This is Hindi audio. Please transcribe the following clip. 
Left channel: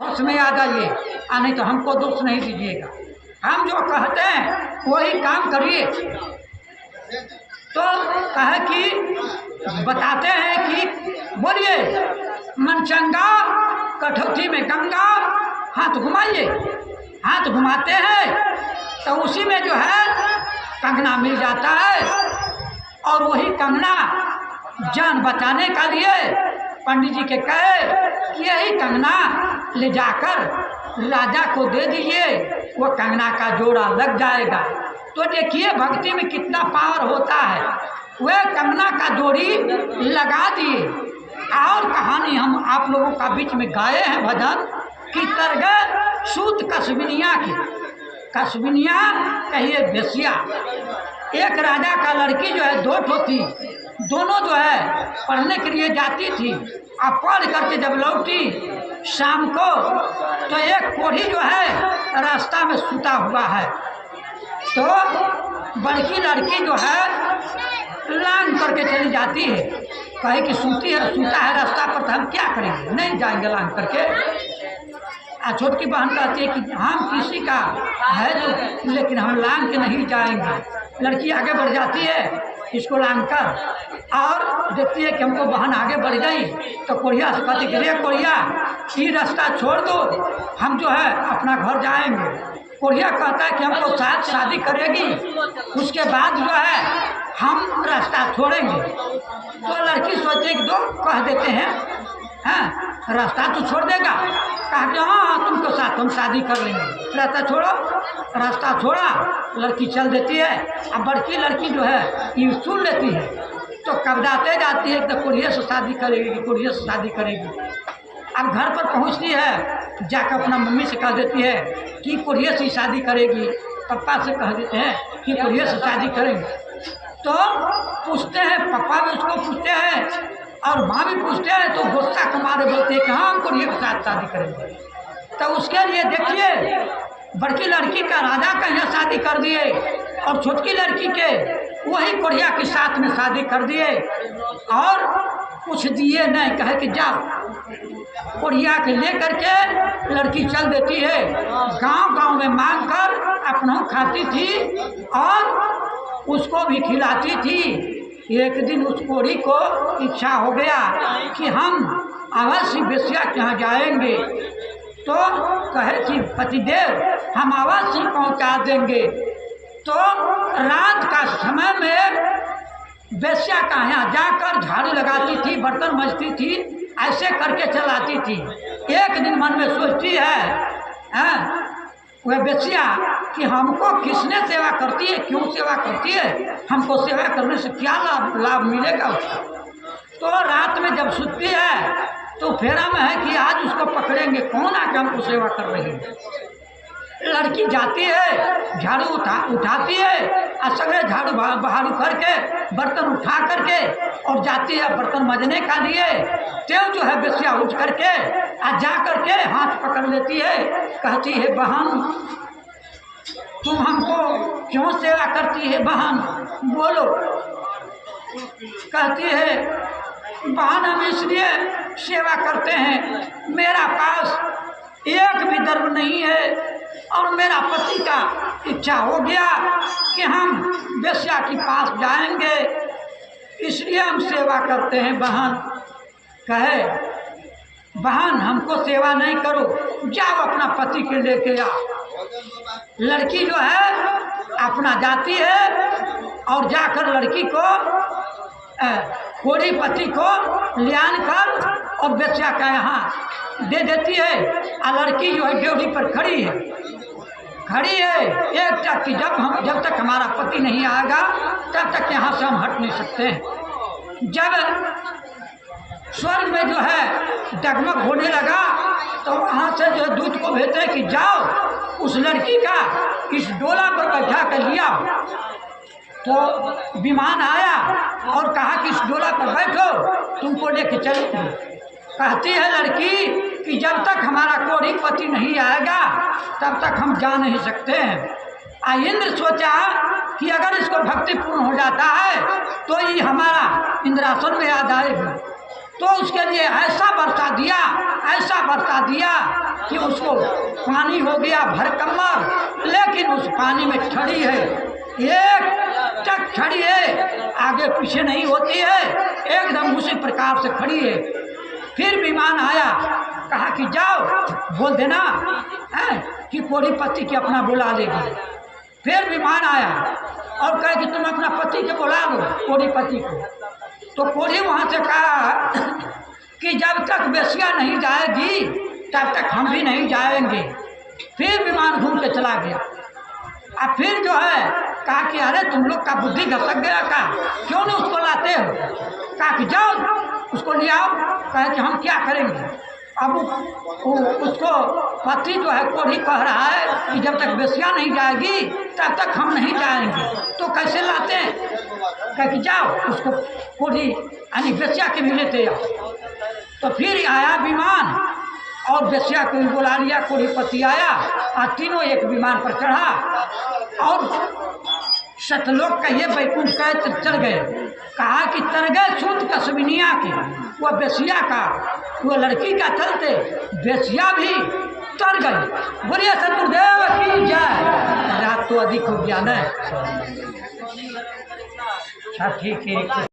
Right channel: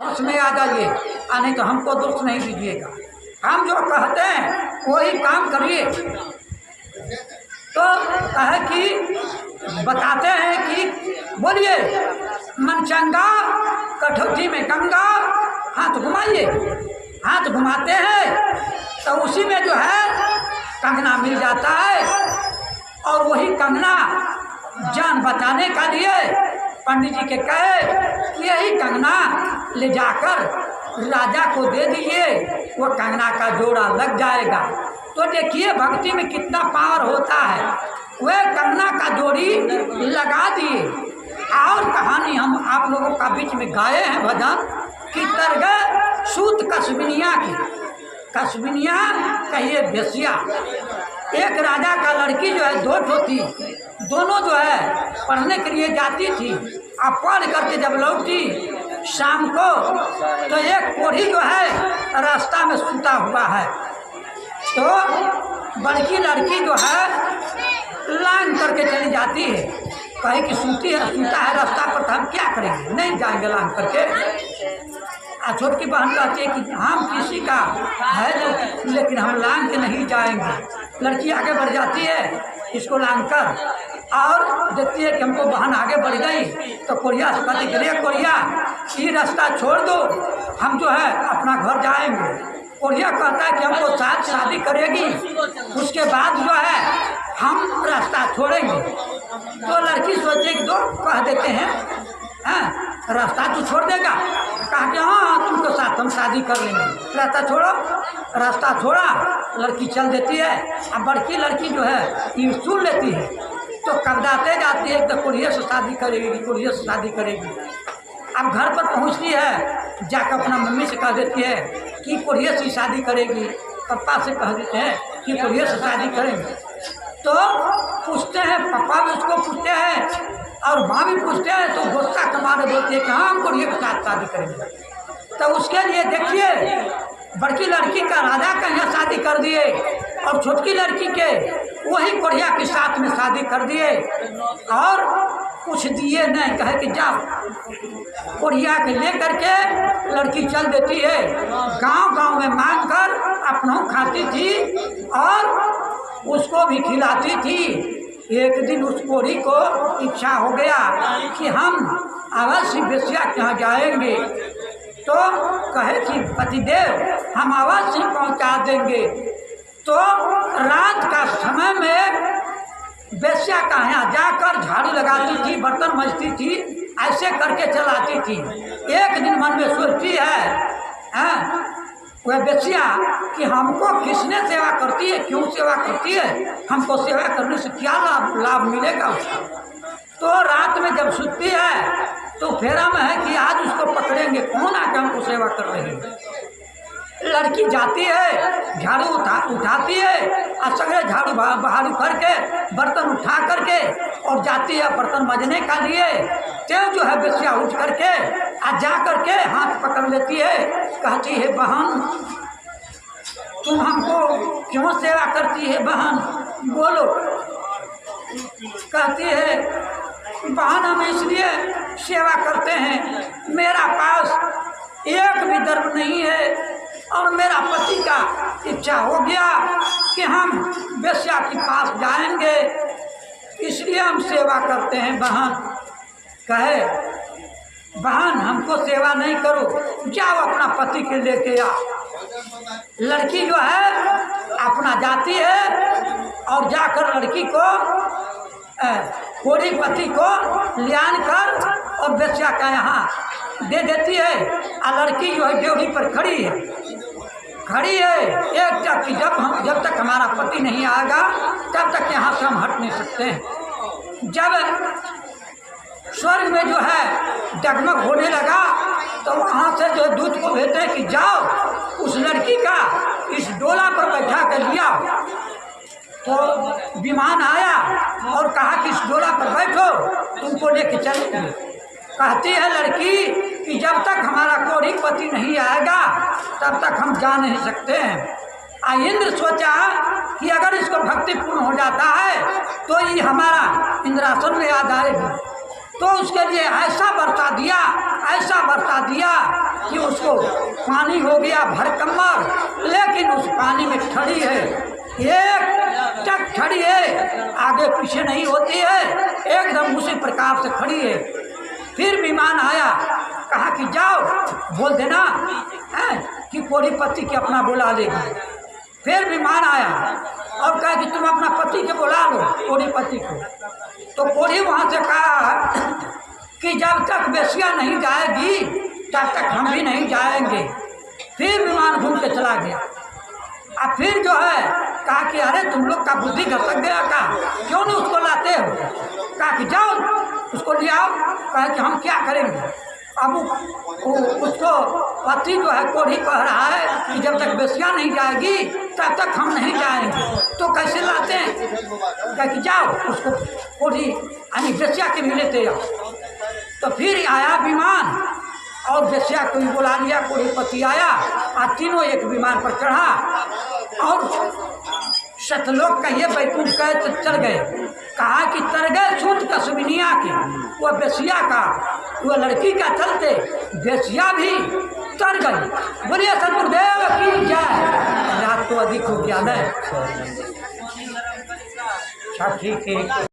होश में आ जाइए, नहीं तो हमको दोष नहीं दीजिएगा। हम जो कहते हैं वही काम करिए। तो कहे कि बताते हैं कि बोलिए, मन चंगा कठौती में गंगा, हाथ घुमाइए। हाथ घुमाते हैं तो उसी में जो है कंगना मिल जाता है, और वही कंगना जान बचाने का लिए पंडित जी के कहे कि यही कंगना ले जाकर राजा को दे दीजिए, वो कंगना का जोड़ा लग जाएगा। तो देखिए भक्ति में कितना पावर होता है। वह कंगना का जोड़ी लगा दिए। और कहानी हम आप लोगों का बीच में गाए हैं भजन कि तरगे सूत कस्बिनिया की। कस्बिनिया कहिए बेसिया। एक राजा का लड़की जो है दो ठो थी, दोनों जो है पढ़ने के लिए जाती थी। अब पढ़ करके जब लौटी शाम को तो एक कोढ़ी जो है रास्ता में सूता हुआ है। तो बड़की लड़की जो है लांग करके चली जाती है, कहे कि सूता है रास्ता पर, तो हम क्या करेंगे, नहीं जाएंगे लांग करके। छोटकी बहन कहती है कि हम किसी का है जो, लेकिन हम लांग के नहीं जाएंगे। लड़की आगे बढ़ जाती है इसको लांग कर, और देखती है कि हमको बहन आगे बढ़ गई। तो कोढ़िया से कहती कि रे कोढ़िया, ये रास्ता छोड़ दो, हम जो है अपना घर जाएंगे। कोढ़िया कहता है कि हमको साथ शादी करेगी, उसके बाद जो है हम रास्ता छोड़ेंगे। तो लड़की सोचे कि दो कह देते हैं, हाँ रास्ता तू छोड़ देगा? कहा कि हाँ तुमको साथ हम शादी कर लेंगे, रास्ता छोड़ो। रास्ता छोड़ा, लड़की चल देती है। अब बड़की लड़की जो है ये सुन लेती है, तो कबदाते जाती है कि कोढ़िया से शादी करेगी, कोढ़िया से शादी करेगी। अब घर पर पहुंचती है, जाकर अपना मम्मी से कह देती है कि कोढ़िया से शादी करेगी। पापा से कह देते हैं कि कोढ़िया से शादी करेंगे। तो पूछते हैं, पापा भी उसको पूछते हैं और माँ भी पूछते हैं। तो गुस्सा के मारे बोलते हैं कि हाँ हम कोढ़िया के साथ शादी करेंगे। तो उसके लिए देखिए बड़की लड़की का राजा का यहाँ शादी कर दिए, और छोटकी लड़की के वही कोढ़िया के साथ में शादी कर दिए, और कुछ दिए नहीं, कहे कि जाओ। कोढ़िया के ले करके लड़की चल देती है। गांव गांव में मांग कर अपना खाती थी और उसको भी खिलाती थी। एक दिन उस कोढ़ी को इच्छा हो गया कि हम अवश्य बेसिया के यहाँ जाएंगे। तो कहे कि पतिदेव हम अवश्य पहुँचा देंगे। तो रात का समय में बेस्या का यहाँ जाकर झाड़ू लगाती थी, बर्तन मजती थी, ऐसे करके चलाती थी। एक दिन मन में सोचती है वह बेस्या कि हमको किसने सेवा करती है, क्यों सेवा करती है, हमको सेवा करने से क्या लाभ मिलेगा उसको। तो रात में जब सुतती है तो फेरा में है कि आज उसको पकड़ेंगे, कौन आके हमको सेवा कर रही है। लड़की जाती है, झाड़ू उठाती है, और सगरे झाड़ू बहारू करके बर्तन उठा करके और जाती है बर्तन मजने का लिए। तेव जो है बेसिया उठ करके आ जा करके हाथ पकड़ लेती है, कहती है बहन तुम हमको क्यों सेवा करती है बहन, बोलो। कहती है बहन हम इसलिए सेवा करते हैं, मेरा पास एक भी दर्व नहीं है, और मेरा पति का इच्छा हो गया कि हम बेस्या के पास जाएंगे, इसलिए हम सेवा करते हैं बहन। कहे बहन हमको सेवा नहीं करो, जाओ अपना पति के लेके आओ। लड़की जो है अपना जाती है और जाकर लड़की को कोढ़ी पति को लियान कर और बेस्या का यहाँ दे देती है। और लड़की जो है ड्योढ़ी पर खड़ी है एक टक की, जब तक हमारा पति नहीं आएगा तब तक यहाँ से हम हट नहीं सकते हैं। जब स्वर्ग में जो है डगमग होने लगा तो वहाँ से जो दूत को भेजते हैं कि जाओ उस लड़की का इस डोला पर बैठा कर लिया। तो विमान आया और कहा कि इस डोला पर बैठो, तुमको लेके चलेंगे। कहती है लड़की कि जब तक हमारा कोढ़ी पति नहीं आएगा तब तक हम जा नहीं सकते हैं। इंद्र सोचा कि अगर इसको भक्ति पूर्ण हो जाता है तो ये हमारा इंद्रासन में याद आएगी। तो उसके लिए ऐसा बरसा दिया कि उसको पानी हो गया भरकमर, लेकिन उस पानी में ठड़ी है, एक टक खड़ी है, आगे पीछे नहीं होती है, एकदम उसी प्रकार से खड़ी है। फिर विमान आया, कहा कि जाओ बोल देना है कि कोढ़ी पति की अपना बुला लेगी। फिर विमान आया और कहा कि तुम अपना पति के बुला लो, कोढ़ी पति को। तो कोढ़ी वहाँ से कहा कि जब तक बेसिया नहीं जाएगी तब तक हम भी नहीं जाएंगे। फिर विमान घूम के चला गया। अब फिर जो है कहा कि अरे तुम लोग का बुद्धि घसक गया का, क्यों नहीं उसको लाते हो? कहा कि जाओ उसको ले आओ। कहा कि हम क्या करेंगे? अब उसको पति जो है कोढ़ी कह रहा है कि जब तक बेसिया नहीं जाएगी तब तक हम नहीं जाएंगे, तो कैसे लाते हैं? कहा कि जाओ उसको कोढ़ी यानी बेसिया के भी लेते आओ। तो फिर आया विमान और बेसिया को भी बुला लिया, कोढ़ी पति आया और तीनों एक विमान पर चढ़ा और सतलोक कहिए बैकुंठ कहे तो चल गए। कहा कि तर गए सूत कसबिनिया की, वह बेसिया का, वह लड़की का चलते बेसिया भी तर गई। बोलिए सतगुरुदेव की जय। रात तो अधिक हो गया न। अच्छा ठीक है।